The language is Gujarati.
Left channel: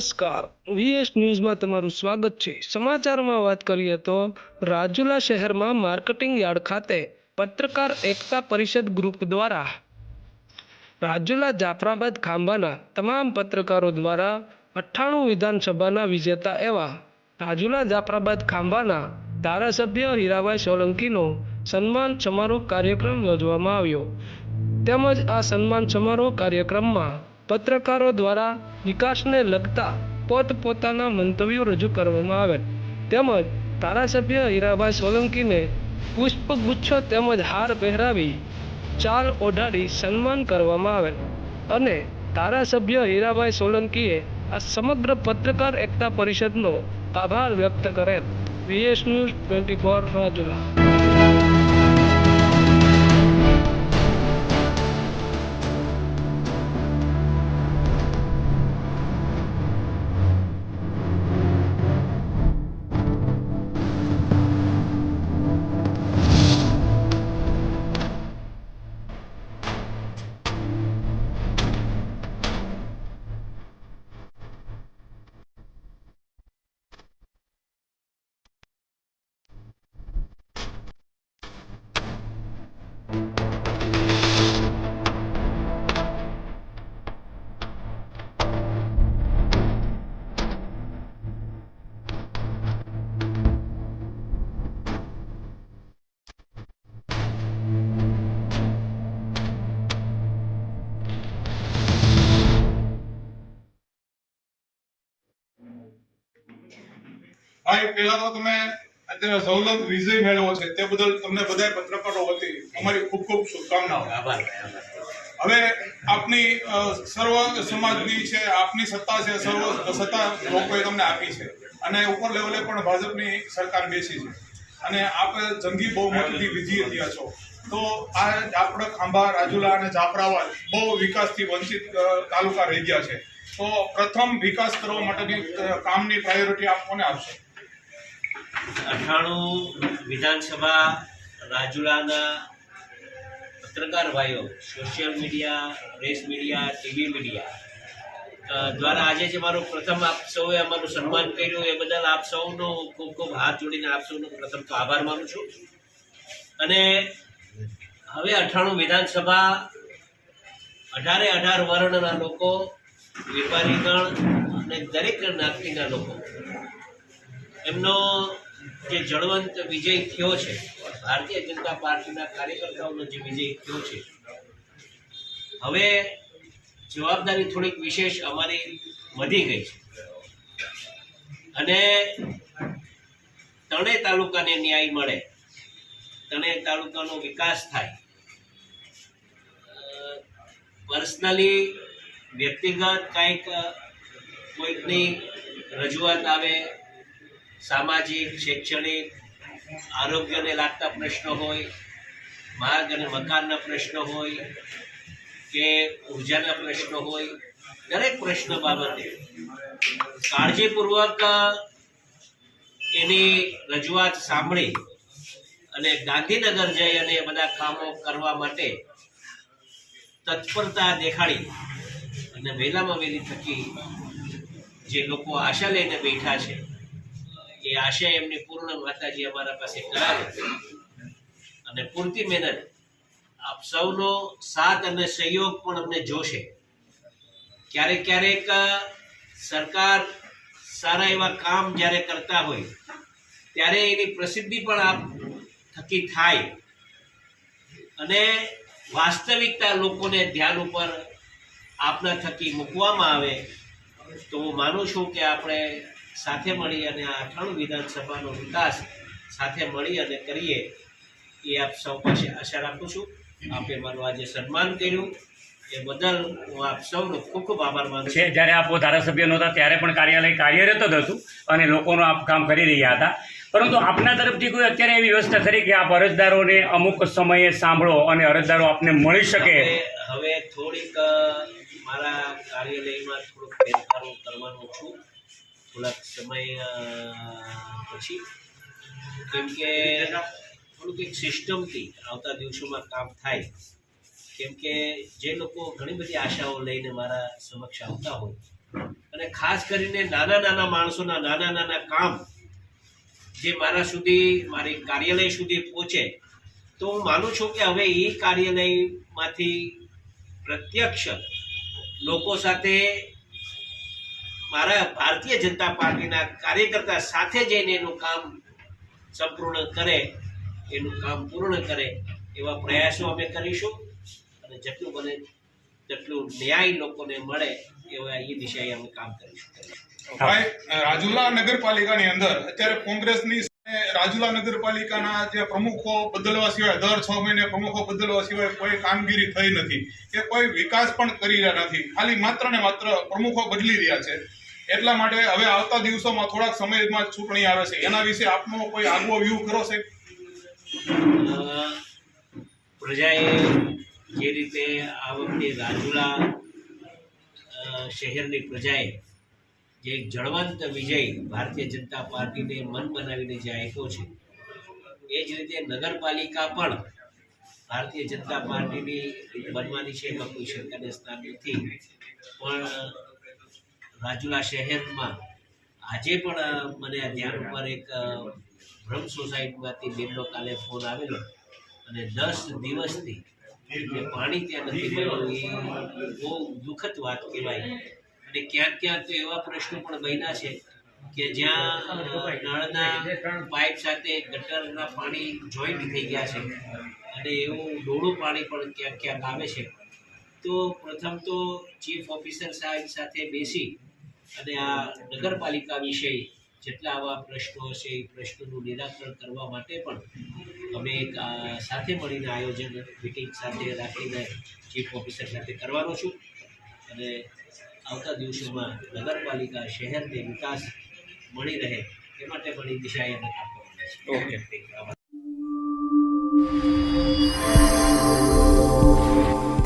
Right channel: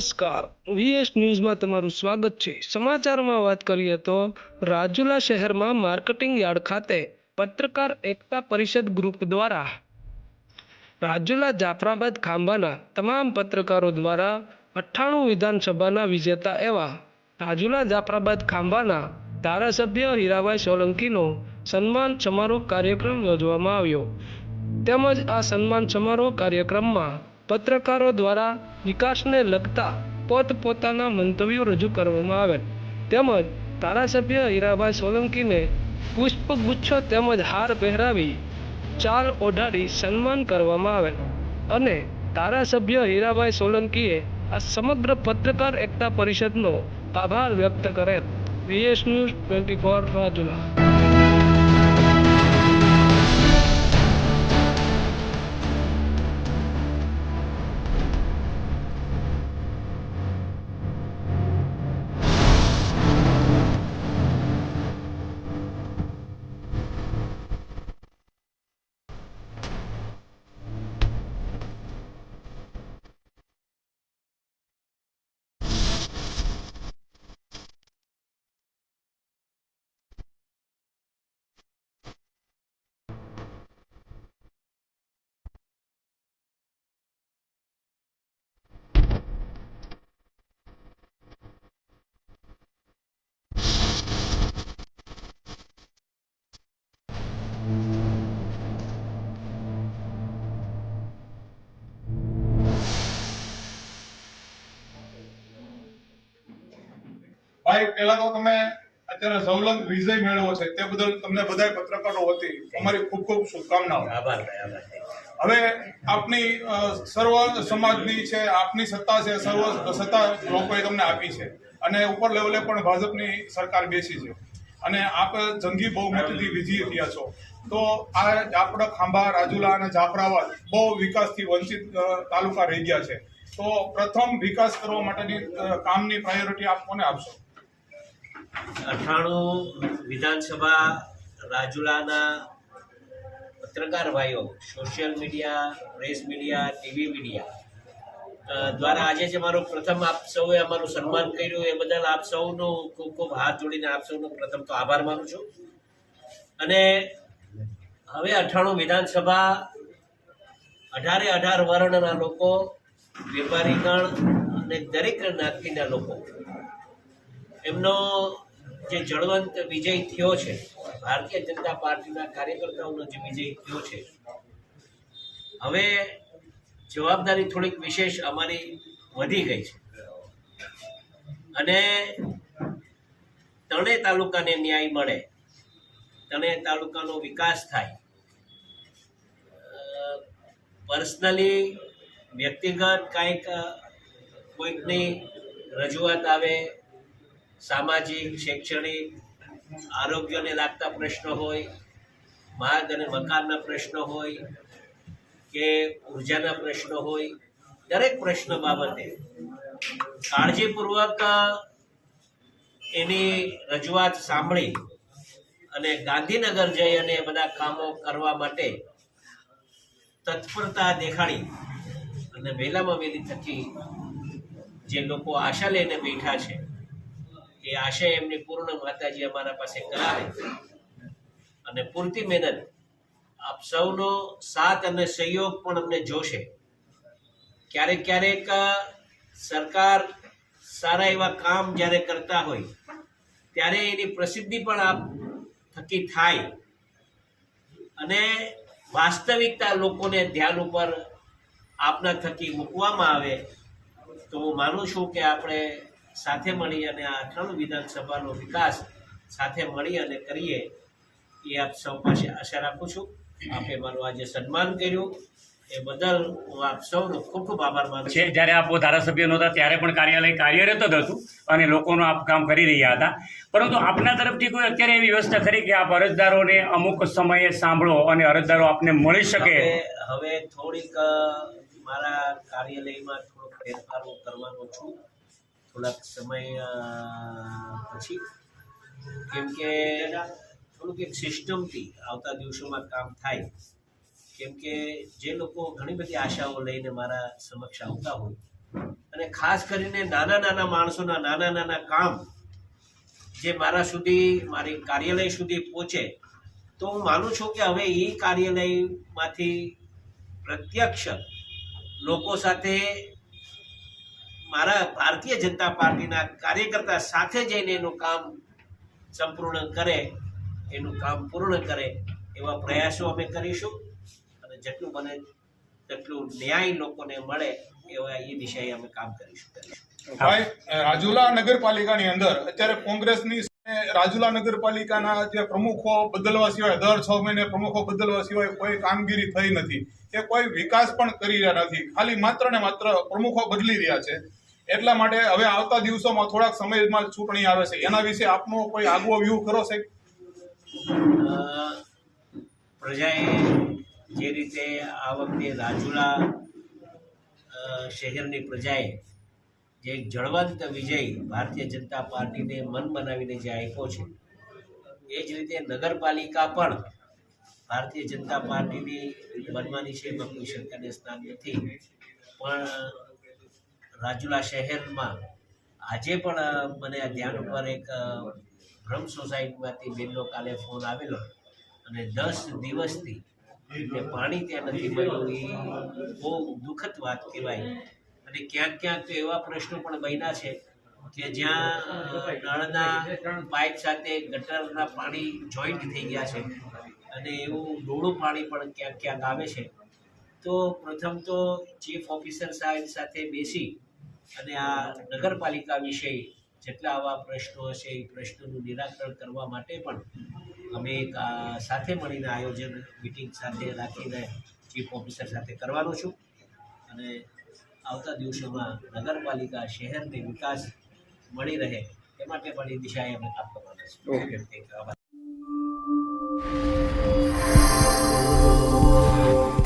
નમસ્કાર, વીએસ ન્યૂઝમાં તમારું સ્વાગત છે। સમાચારમાં વાત કરીએ તો રાજુલા શહેરમાં માર્કેટિંગ યાર્ડ ખાતે પત્રકાર એકતા પરિષદ ગ્રુપ દ્વારા રાજુલા જાફરાબાદ ખાંભાના તમામ પત્રકારો દ્વારા 98 વિધાનસભાના વિજેતા એવા રાજુલા જાફરાબાદ ખાંભાના ધારાસભ્ય હીરાભાઈ સોલંકીનો સન્માન સમારોહ કાર્યક્રમ યોજવામાં આવ્યો। તેમજ આ સન્માન સમારોહ કાર્યક્રમમાં પત્રકારો દ્વારા વિકાસને લગતા પોતપોતાના મંતવ્યો રજૂ કરવામાં આવેલ। તેમજ ધારાસભ્ય હીરાભાઈ સોલંકીને પુષ્પગુચ્છ તેમજ હાર પહેરાવી ચાલ ઓઢાડી સન્માન કરવામાં આવેલ અને ધારાસભ્ય હીરાભાઈ સોલંકીએ આ સમગ્ર પત્રકાર એકતા પરિષદનો આભાર વ્યક્ત કરેલ। VS news 24 Rajula. ભાઈ પહેલા તો તમે અત્યારે સૌલભ વિજય મેળવો છે તે બદલ તમને બધાય પત્રકારો વતી અમારી ખૂબ ખૂબ શુભકામનાઓ। આભાર। હવે આપની સર્વ સમાજની છે, આપની સત્તા છે, સર્વ સત્તા લોકોએ તમને આપી છે અને ઉપર લેવલે પણ ભાજપની સરકાર બેસી છે અને આપ જંગી બહુમતીથી વિજયી થયા છો। તો આ આપણા ખાંભા, રાજુલા અને જાફરાબાદ બહુ વિકાસથી વંચિત તાલુકા રહી ગયા છે। તો પ્રથમ વિકાસ કરવા માટેની કામની પ્રાયોરિટી આપ કોને આપશો? 98 વિધાનસભા રાજુલાના પત્રકાર ભાઈઓ, social media, press media, TV media દ્વારા આજે જે મારું પ્રથમ આપ સૌએ અમારું સન્માન કર્યું એ બદલ આપ સૌનો ખૂબ ખૂબ હાથ જોડીને આપ સૌનો પ્રથમ તો આભાર માનું છું। અને હવે 98 વિધાનસભા 18 વર્ણના લોકો, વેપારીગણ અને દરેક જ્ઞાતિના લોકો એમનો જે જળવંત વિજય થયો છે, ભારતીય જનતા પાર્ટીના કાર્યકર્તાઓનો જે વિજય થયો છે, હવે જવાબદારી થોડીક વિશેષ અમારી વધી ગઈ છે અને ત્રણેય તાલુકાને ન્યાય મળે, ત્રણેય તાલુકાનો વિકાસ થાય। પર્સનલી વ્યક્તિગત કંઈક કોઈકની રજૂઆત આવે, સામાજિક, શૈક્ષણિક, આરોગ્યને લાગતા પ્રશ્નો હોય, માર્ગ અને મકાનના પ્રશ્નો હોય કે ઉર્જાના પ્રશ્નો હોય, દરેક પ્રશ્ન બાબતે કાળજીપૂર્વક એની રજૂઆત સાંભળી અને ગાંધીનગર જઈ અને બધા કામો કરવા માટે તત્પરતા દેખાડી અને વહેલામાં વહેલી થકી જે લોકો આશા લઈને બેઠા છે એ આશા એમની પૂર્ણ માતાજી અમારા પાસે કરાવે અને પૂરતી મહેનત આપ સૌનો સાથ અને સહયોગ પણ અમને જોશે। ક્યારેક ક્યારેક સરકાર સારા એવા કામ જ્યારે કરતા હોય ત્યારે એની પ્રસિદ્ધિ પણ આપ થકી થાય અને વાસ્તવિકતા લોકોને ધ્યાન ઉપર આપના થકી મૂકવામાં આવે તો હું માનું છું કે આપણે સાથે મળી અને આ 98 વિધાનસભાનો વિકાસ સાથે મળી અને કરીએ એ આપ સૌ પાસે આશા રાખું છું। આપે મારું આજે સન્માન કર્યું એ બદલ હું આપ સૌનો ખૂબ ખૂબ આભાર માનું છું। જ્યારે આપ ધારાસભ્ય નહોતા ત્યારે પણ કાર્યાલય કાર્યરત જ હતું અને લોકોનું આપ કામ કરી રહ્યા હતા, પરંતુ આપના તરફથી કોઈ અત્યારે એવી વ્યવસ્થા ખરી કે આપ અરજદારોને અમુક સમયે સાંભળો અને અરજદારો આપને મળી શકે? હવે થોડીક મારા કાર્યાલયમાં થોડોક ફેરફારો કરવાનો છું થોડાક સમય પછી, કેમ કે થોડુંક એક સિસ્ટમથી આવતા દિવસોમાં કામ થાય। કેમ કે જે લોકો ઘણી બધી આશાઓ લઈને મારા સમક્ષ આવતા હોય અને ખાસ કરીને નાના નાના માણસોના નાના નાના કામ જે મારા સુધી મારી કાર્યાલય સુધી પહોંચે, તો હું માનું છું કે હવે એ કાર્યાલયમાંથી પ્રત્યક્ષ લોકો સાથે મારા ભારતીય જનતા પાર્ટીના કાર્યકર્તા સાથે જઈને એનું કામ સંપૂર્ણ કરે, એનું કામ પૂર્ણ કરે એવા પ્રયાસો અમે કરીશું અને જેટલું બને તેટલું ન્યાય લોકોને મળે એવા એ દિશાએ અમે કામ કરીશું. ભાઈ, રાજુલા નગરપાલિકાની અંદર અત્યારે કોંગ્રેસની રાજુલા નગરપાલિકાના જે પ્રમુખો બદલવા સિવાય દર 6 મહિને પ્રમુખો બદલવા સિવાય કોઈ કામગીરી થઈ નથી કે કોઈ વિકાસ પણ કરી રહ્યા નથી. ખાલી માત્ર ને માત્ર પ્રમુખો બદલી રહ્યા છે. એટલા માટે હવે આવતા દિવસોમાં થોડાક સમયમાં ચૂંટણી આવે છે, એના વિશે આપનો કોઈ આગવો વ્યૂ ખરો સાહેબ? પ્રજાએ જે રીતે આ વખતે રાજુલા શહેરની પ્રજાએ જે એક જળવંત વિજય ભારતીય જનતા પાર્ટીને મન બનાવીને જે આપ્યો છે, એ જ રીતે નગરપાલિકા પણ ભારતીય જનતા પાર્ટીની બનવાની છે, એમાં કોઈ શંકાને સ્થાન નથી. પણ રાજુલા શહેરમાં આજે પણ મને આ ધ્યાન ઉપર એક બ્રહ્મ સોસાયટીમાંથી બેનનો કાલે ફોન આવેલો અને 10 દિવસથી જે પાણી ત્યાં નથી મળ્યું, એ બહુ દુઃખદ વાત કહેવાય. અને ક્યાંક ક્યાંક તો એવા પ્રશ્નો પણ બન્યા છે કે જ્યાં નળના પાઇપ સાથે ગટરના પાણી જોઈન્ટ થઈ ગયા છે અને એવું ડોળું પાણી પણ ક્યાંક ક્યાંક આવે છે. તો પ્રથમ તો ચીફ ઓફિસર સાહેબ સાથે બેસી અને આ નગરપાલિકા વિશે જેટલા આવા પ્રશ્નો હશે એ પ્રશ્નોનું નિરાકરણ કરવા માટે પણ અમે એક સાથે મળીને આયોજન મિટિંગ સાથે રાખીને ચીફ ઓફિસર સાથે કરવાનો છું અને આવતા દિવસોમાં નગરપાલિકા શહેરને વિકાસ મળી રહે એ માટે પણ એ દિશાએ અમે કામ કરવાના છીએ. ઓકે.